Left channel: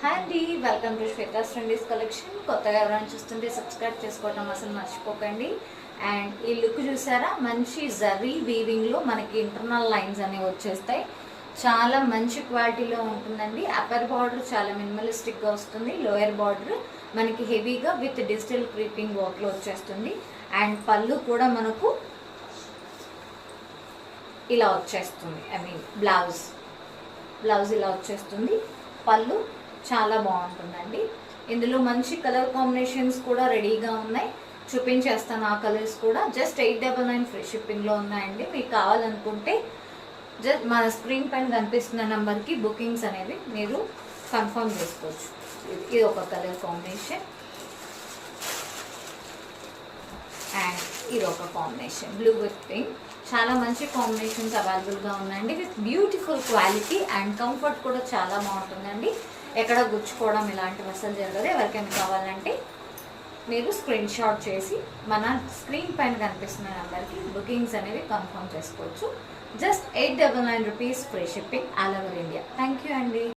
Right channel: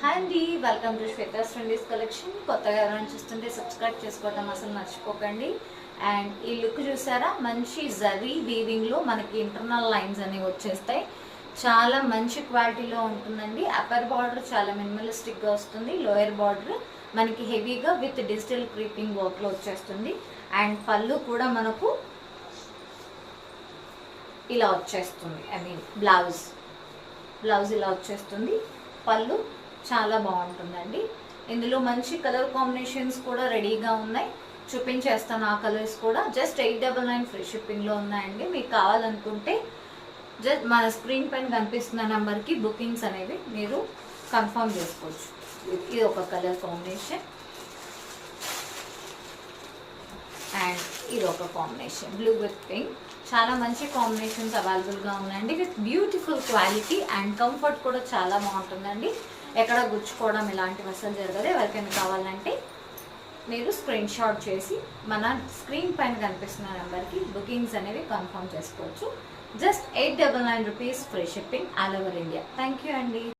Hi అండి, welcome to Shweta సండీస్ collection. కొత్తగా ఎవరైనా చూస్తుంటే సబ్స్క్రైబ్ చేసుకోవటం అసలు మర్చిపోకండి. అండ్ ఈ లుక్ చూసారా, మంచి జరీ వీవింగ్ లో మనకి ఇంటర్నల్ లైన్స్ అనేవి వచ్చేస్తాయి. చాలా మంచి క్వాలిటీలో ఉంటుందండి. అప్పర్ బార్డర్ చాలా మినిమలిస్టిక్ గా వస్తుంది. లోయర్ బార్డర్ మనకి హెవీగా విత్ డిజిటల్ క్రీపింగ్ వర్క్ లో వచ్చేస్తుంది. అండ్ పళ్ళు కూడా మనకు ఇలా వచ్చేస్తుంది. ఐ మీన్ బ్లౌజ్ ఇలా వచ్చేస్తుంది. పళ్ళు చాలా బాగుంటుందండి. ఇందులో మంచి కలర్ కాంబినేషన్స్ కూడా రెడీగా ఉన్నాయి, చూపించేస్తాను. ఆ కలర్స్ కూడా జస్ట్ 899 ఫ్రీ షిప్పింగ్ లో ఉన్నాయండి. మీకు కావాలనుకుంటే జస్ట్ మన స్క్రీన్ పైన కనిపిస్తున్న నెంబర్ కి బుకింగ్స్ అనేవి మీరు కన్ఫర్మ్ చేసుకోవచ్చు. ఇది ఒక కలర్ కాంబినేషన్ అండ్ ఇది ఒక కాంబినేషన్ బ్లూ విత్ పింక్. చాలా మంచి కాంబినేషన్స్ అవైలబుల్ గా ఉన్నాయండి with beautiful quality and comfort కూడా చాలా బాగుంటుందండి. ఎక్కడ గుచ్చుకోవడం ఇలాంటివి అసలు జరగదు. ఎవరికైనా కావాలంటే మీరు స్క్రీన్ షాట్ చేసి మన స్క్రీన్ పైన కనిపిస్తున్న నెంబర్కి బుకింగ్స్ అనేవి కన్ఫర్మ్ చేసుకోవచ్చు. Just 899 rupees free shipping all over India. Thank you అండి.